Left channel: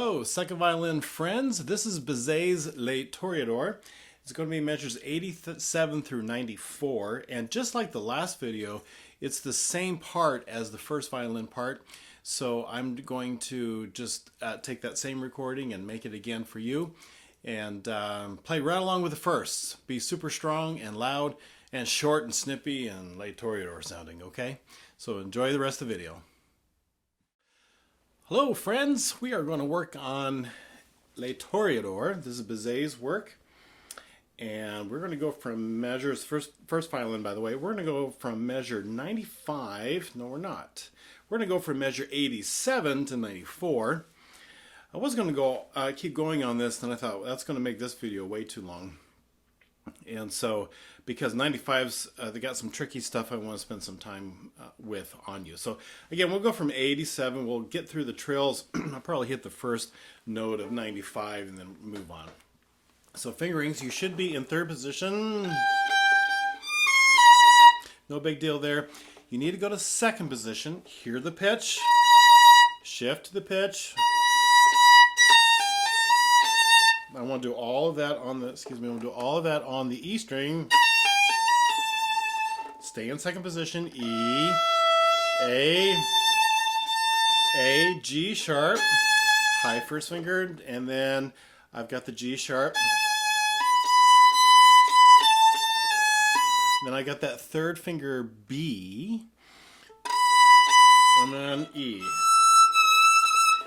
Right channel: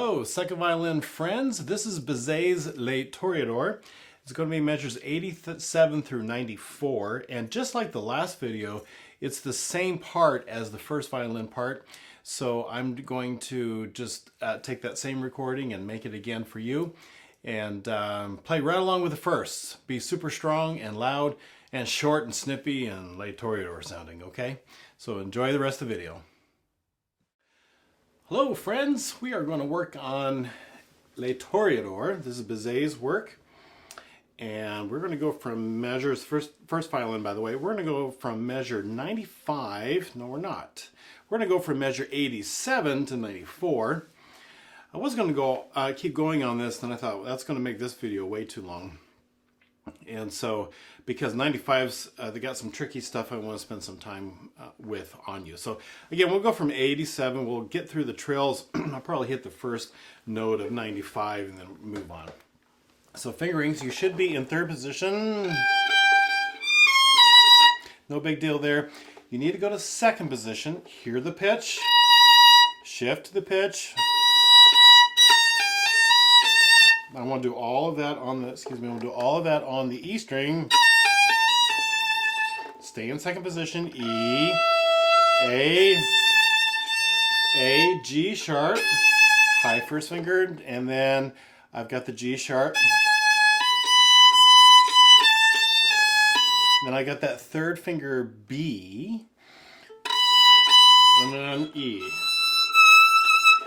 Hello, second violin friends. This is Bizet Les Toréadors. It's going to be measures 87 through 94. And just like the last video, it's the same part as the first violin part. So I'm going to just take that same recording and make it again for you. And play right along with the first. Be super strong and loud and short and snippy and Les Toréadors sounding, okay? So enjoy the rest of the video. Hello friends, we are going to work on Les Toréadors. This is Bizet's work. And we're going to go from measures, first violin by the way, we're going to go from measure 95, no we're not. We're going to go from measure 87 to 94. I was going to go keep going on this, and I thought, well, that's going to make this video way too long. And so, because 95's, they got some tricky stuff I want to spend some time with on you. So again, we'll go from 87, we'll get through the trills. I'll probably hit the first note of 95 and then move on. So fingerings, you should be in third position. No big deal there. You need to go to second position, hear the pitch, shift to the pitch. I want to do all of that on the, we'll do all of that on the E string. Stay in second position, E, A, G sharp, high first finger, and then I've got the G sharp. Then I got that third finger B, and then E.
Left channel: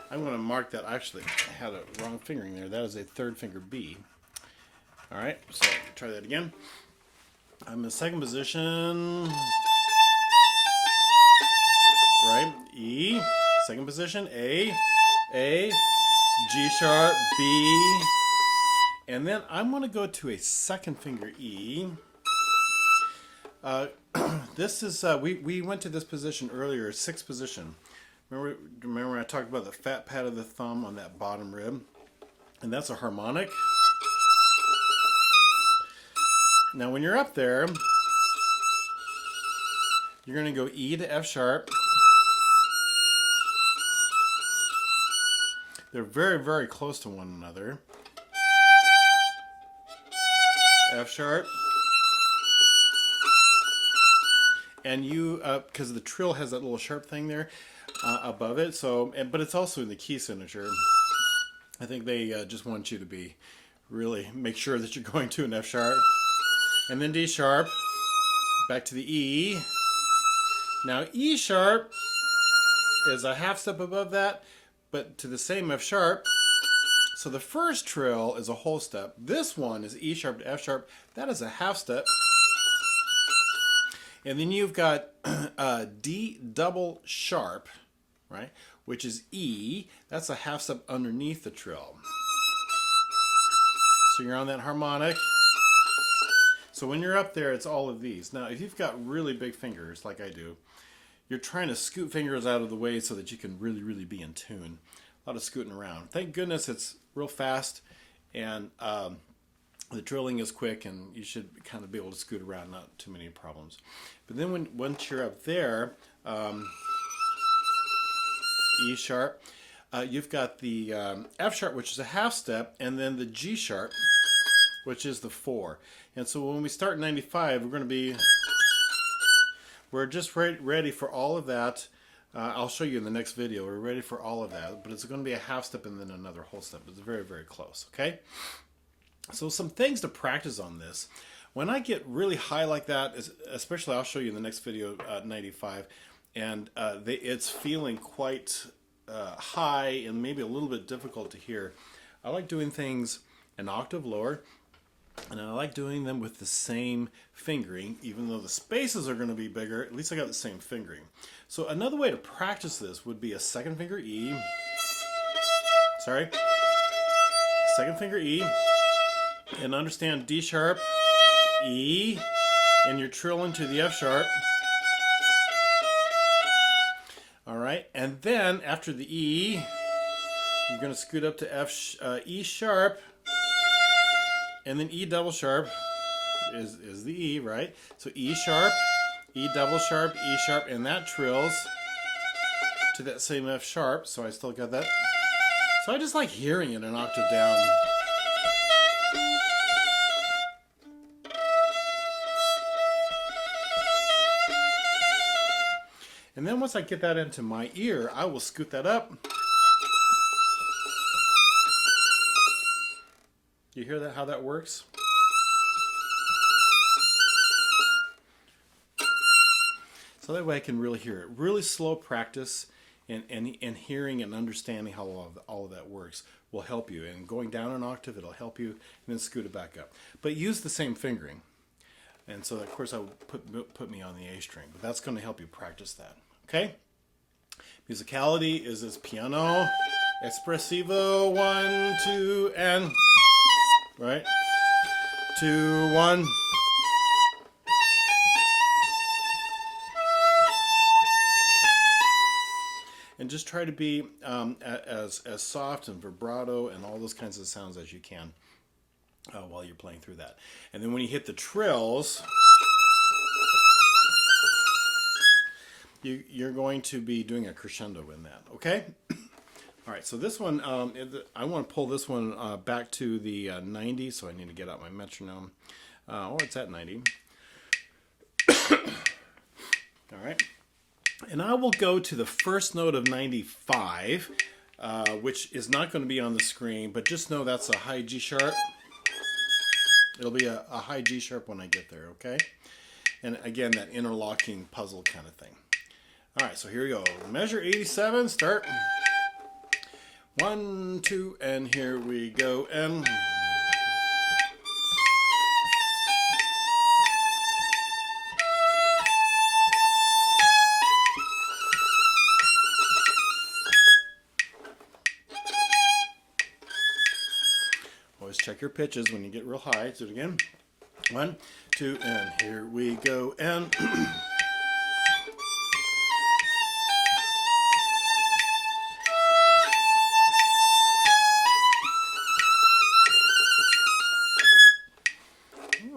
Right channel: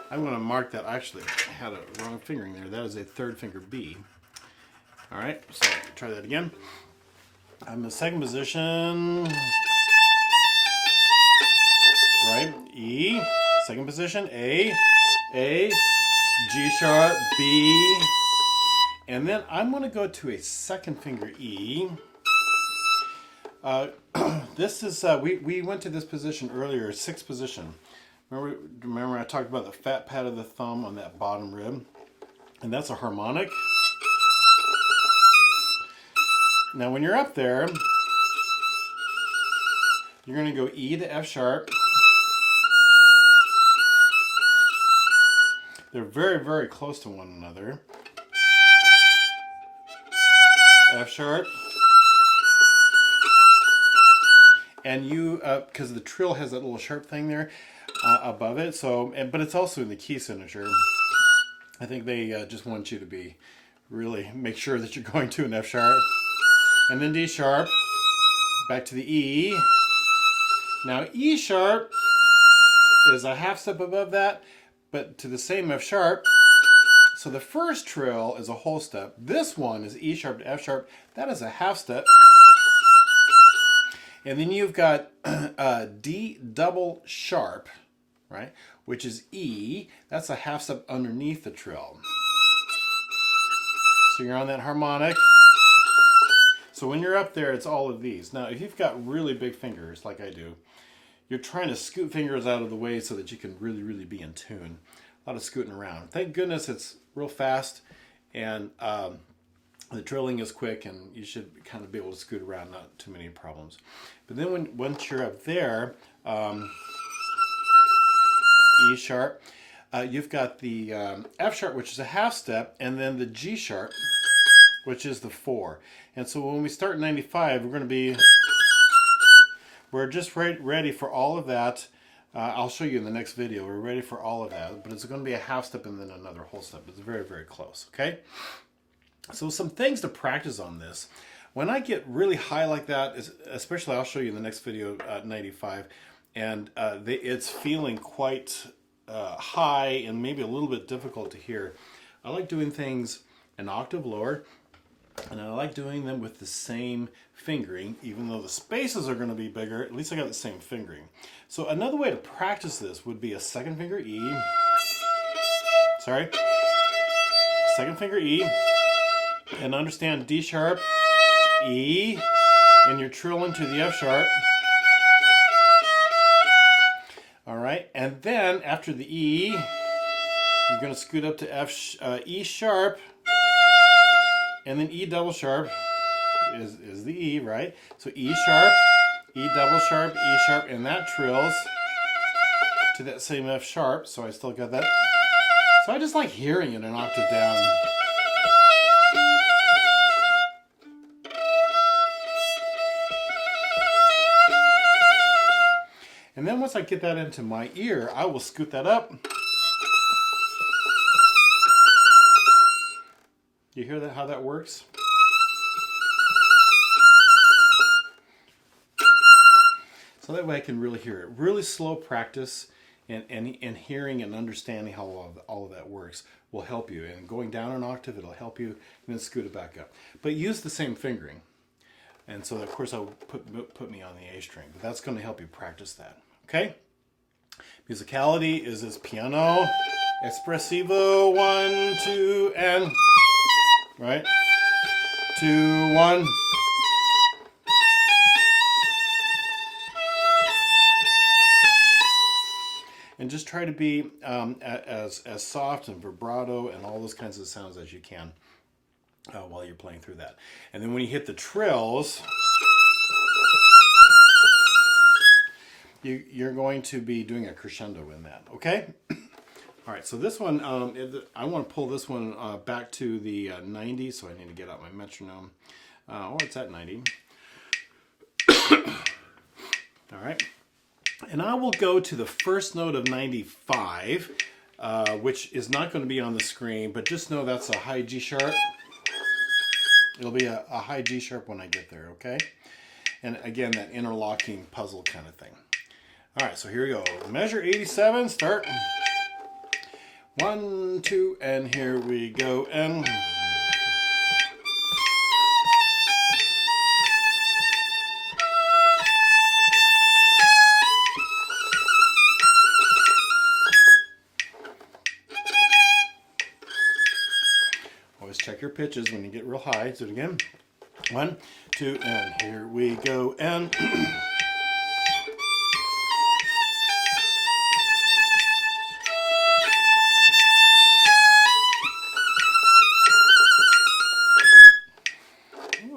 I'm going to mark that. Actually, I had a wrong fingering there. That is a third finger B. All right, so try that again. I'm in second position. Right, E, second position, A, G sharp, B, and then I'm going to go to a second finger E. This is, we went to this position earlier, sixth position. Remember I talked about the fat pad of the thumb on that bottom rib? And that's a harmonic. Now when you're up there, you're going to go E to F sharp. They're very, very close to one another. F sharp. And you, because the trill has that little sharp thing there above it, so, but it's also in the key signature. I think they just want you to be, really make sure that you're going to an F sharp. And then D sharp, back to the E. Now E sharp is a half step above that, but to the same F sharp. So the first trill is a whole step. This one is E sharp to F sharp. That is a half step. And then you've got D double sharp, right? Which is E. That's a half step underneath the trill. So you're on that harmonic. So when you're up there, it's all of these. Now, if you've got really big fingers, like I do, you're trying to scoot fingers out of the way so that you can really, really be in tune. A lot of scooting around. Thank goodness it's real fast, and the trilling is quick, and you should kind of be able to scoot around, not too many problems. But then once you're up there, E sharp, you've got the F sharp, which is a half step, and then the G sharp, which is the 4. And so when we start 95, we're just ready for all of that. I'll show you in the next video. We're ready for all of that, but it's going to be a half step and then another whole step. It's very, very close, okay? So some things to practice on this. When I get really high like that, especially I'll show you in the next video, 95, and it's feeling quite high and maybe a little bit difficult to hear. I like doing things an octave lower, and I like doing them with the same fingering, even though the spaces are going to be bigger. At least I got the same fingering. So another way to practice this would be a second finger E. Sorry. Second finger E. And understand D sharp, E, and you're trilling to the F sharp. All right, and then after the E, you're going to scoot up to E sharp, and then E double sharp is the E, right? So E sharp, E double sharp, E sharp, and that trills to that same F sharp. So I still got that So I just like hearing it an octave down. And then once I get that into my ear, I will scoot that up. You hear that, how that works? So that way I can really hear it. Really slow practice and hearing and understanding how all of that works will help you. And going down an octave, it'll help you, and then scoot it back up. But use the same fingering. And so, of course, I would put me on the A string. But that's going to help you practice that. Okay? Musicality is this piano, espressivo, 1, 2, and... Right? 2, 1. And just try to be as soft and vibrato and all those kinds of sounds as you can while you're playing through that. And then when you hit the trills, you're going to be doing a crescendo in that, okay? All right, so this one, I want to pull this one back to the 90, so I need to get out my metronome. It's at 90. All right. And I will go to the first note of 95, which is not going to be on the screen, but just know that's a high G sharp. It'll be a high G sharp when I get there, okay? And again, that interlocking puzzle kind of thing. All right, so here we go. Measure 87, start. 1, 2, and here we go, and... Always check your pitches when you get real high. Do it again. 1, 2, and here we go, and...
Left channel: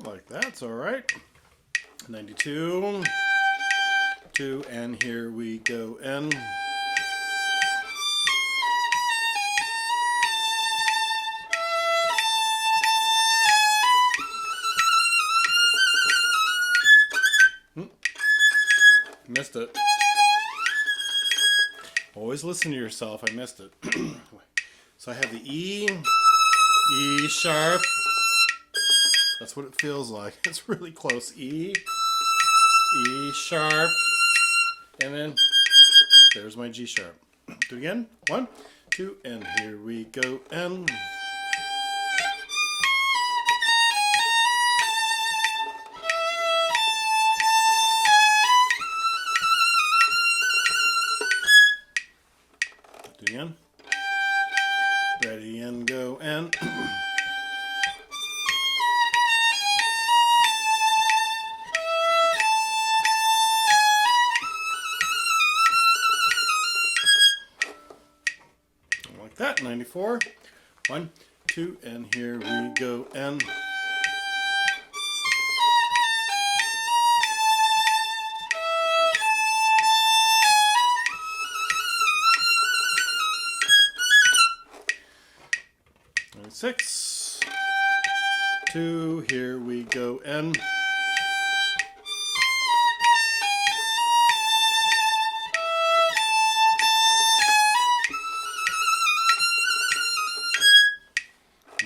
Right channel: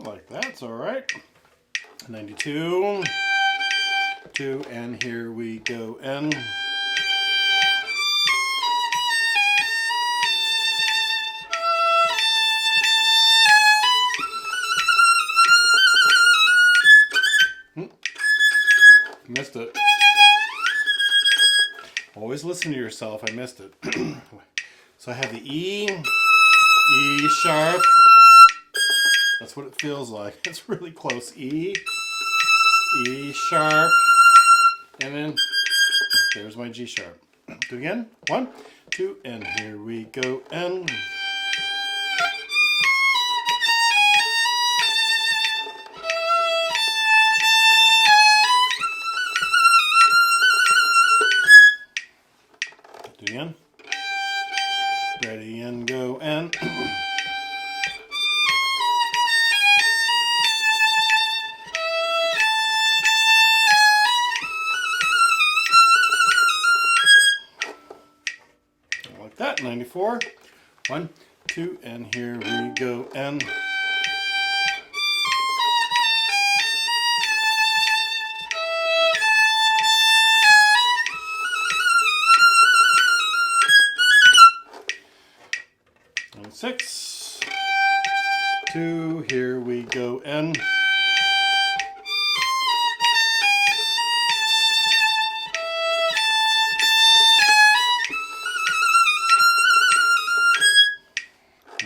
Like that's all right. 92, 2, and here we go, and... Missed it. Always listen to yourself. I missed it. So I have the E, E sharp. That's what it feels like. It's really close. E, E sharp, and then there's my G sharp. Do it again. 1, 2, and here we go, and... Do it again. Ready, and go, and... Like that. 94. 1, 2, and here we go, and... And 6, 2, here we go, and...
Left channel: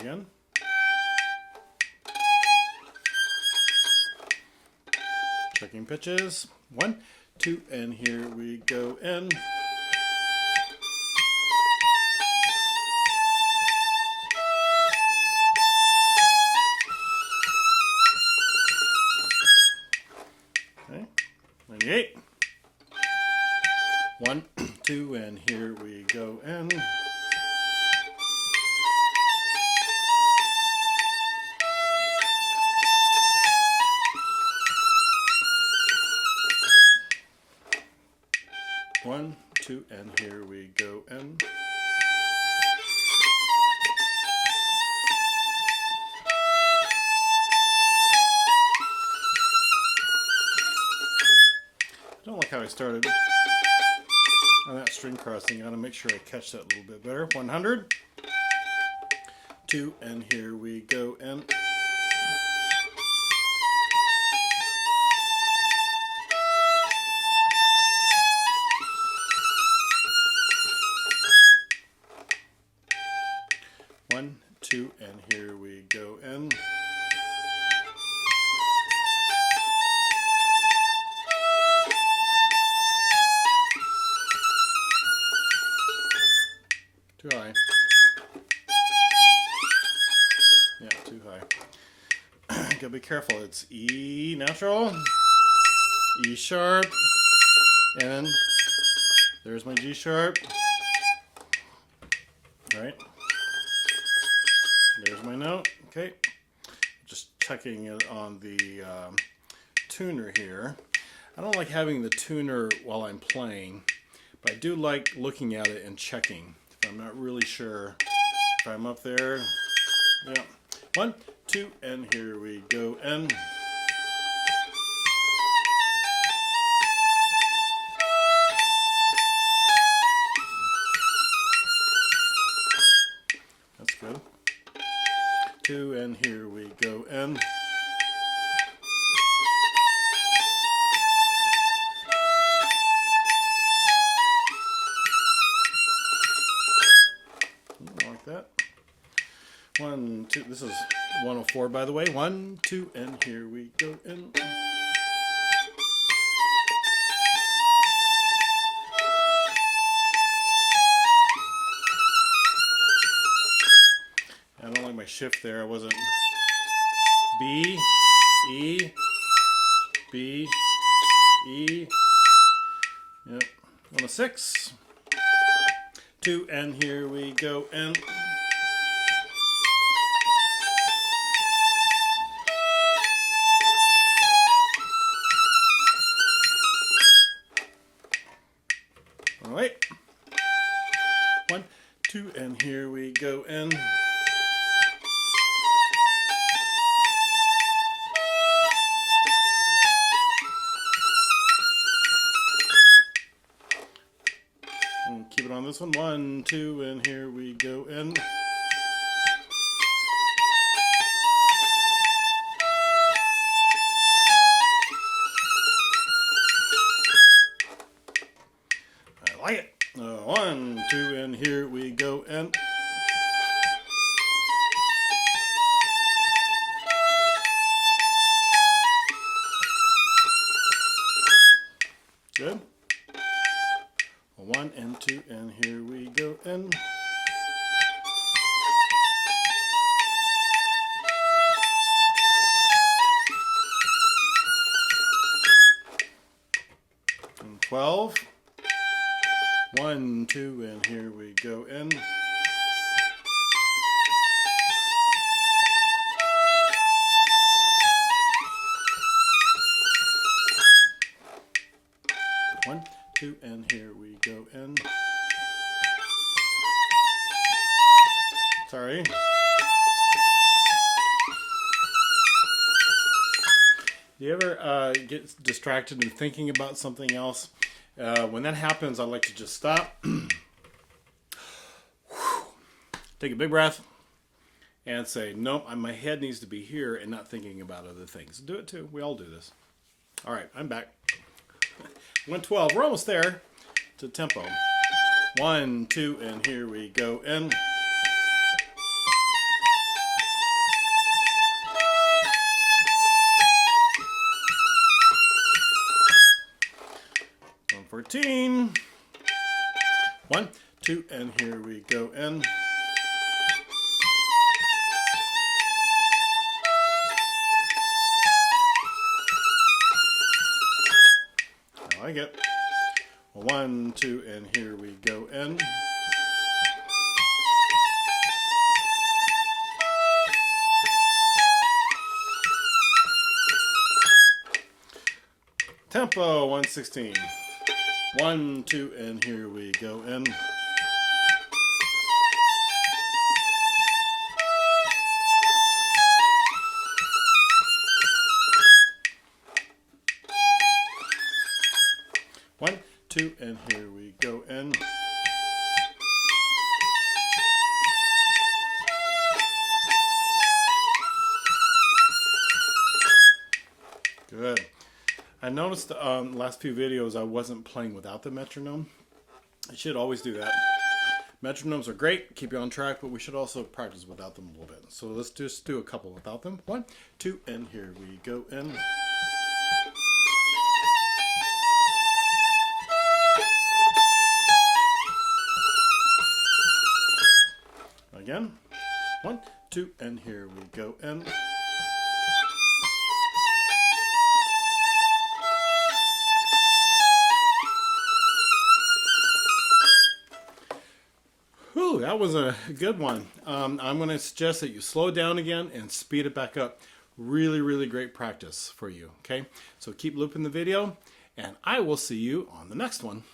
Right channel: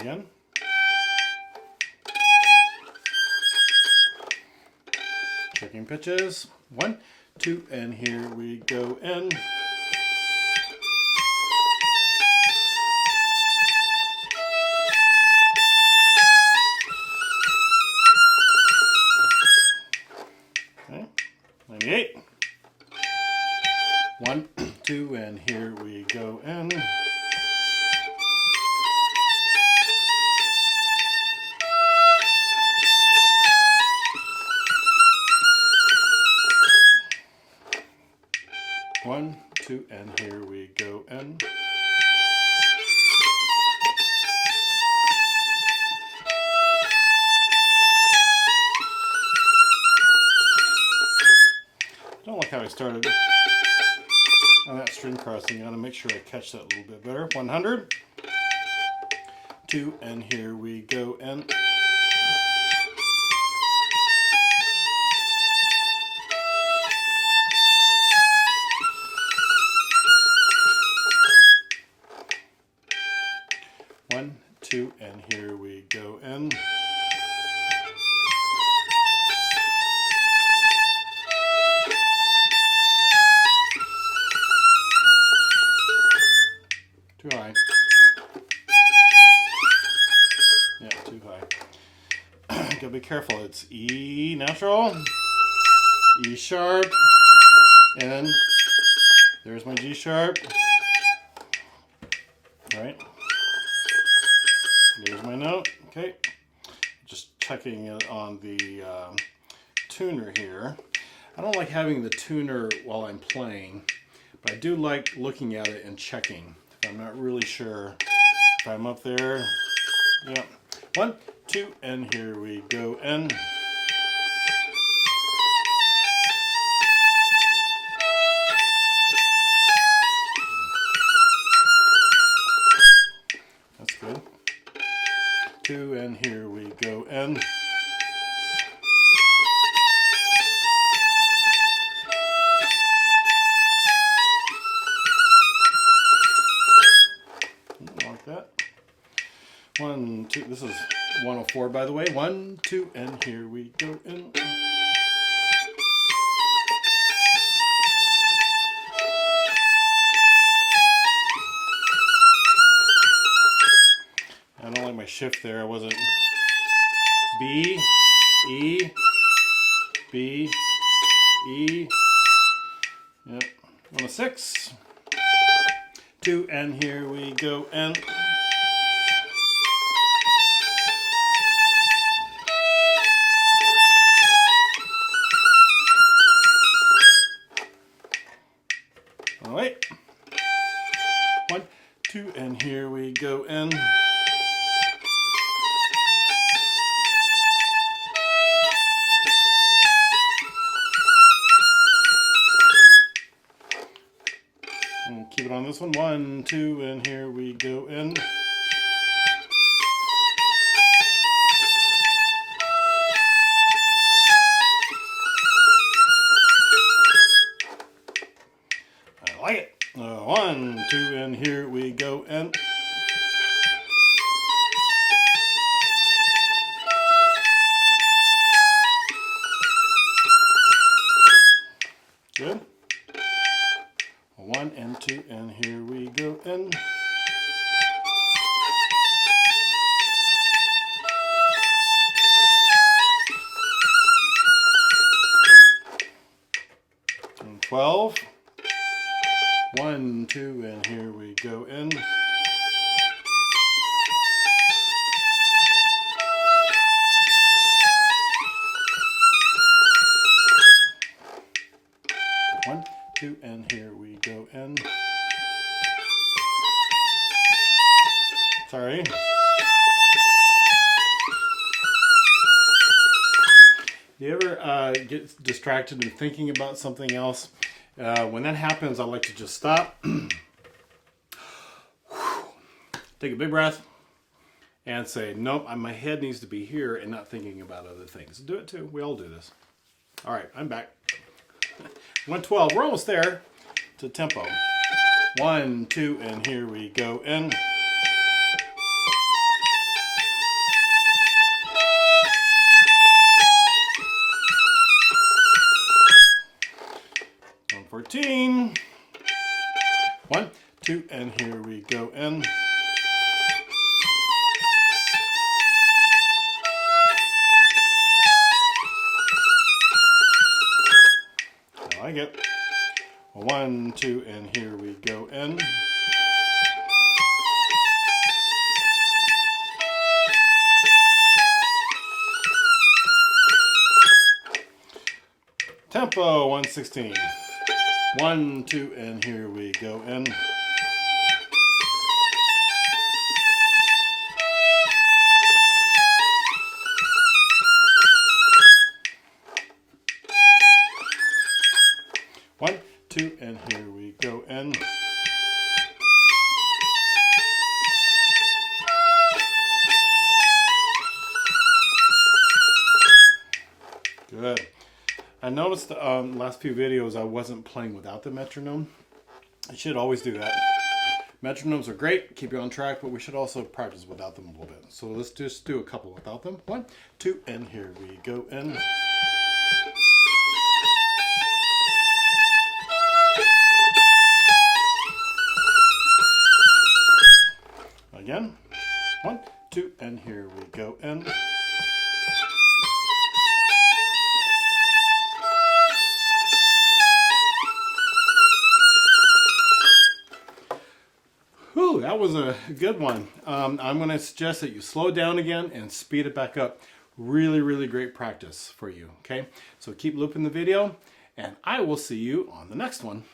Again. Checking pitches. 1, 2, and here we go, and... Okay. 98. 1, 2, and here we go, and... One, 2, and here we go, and... I don't like how I started. on that string crossing. I gotta make sure I catch that a little bit better. 100, 2, and here we go, and one, 2, and here we go, and too high. Yeah, too high. Gotta be careful. It's E natural, E sharp, and there's my G sharp. Right. There's my note. Okay. Just checking it on the tuner here. I don't like having the tuner while I'm playing, but I do like looking at it and checking. If I'm not really sure if I'm up there. Yeah. 1, 2, and here we go, and that's good. 2, and here we go, and like that. 1, 2, this is 104 by the way. 1, 2, and here we go, and I don't like my shift there. I wasn't B, E, B, E. Yep. 106, 2, and here we go, and all right. 1, 2, and here we go, and keep it on this one. 1, 2, and here we go, and I like it. 1, 2, and here we go, and good. 1 and 2, and here we go, and and 12. 1, 2, and here we go, and one, 2, and here we go, and sorry. Do you ever get distracted and thinking about something else? When that happens, I like to just stop, take a big breath, and say, nope, my head needs to be here and not thinking about other things. Do it too. We all do this. All right, I'm back. 112. We're almost there to tempo. 1, 2, and here we go, and 114. 1, 2, and here we go, and I like it. 1, 2, and here we go, and tempo. 116. 1, 2, and here we go, and two, and here we go, and good. I noticed the last few videos I wasn't playing without the metronome. I should always do that. Metronomes are great, keep you on track, but we should also practice without them a little bit. So let's just do a couple without them. One, two, and here we go, and again. One, two, and here we go, and whew, that was a good one. I'm going to suggest that you slow down again and speed it back up. Really, really great practice for you, okay? So keep looping the video, and I will see you on the next one.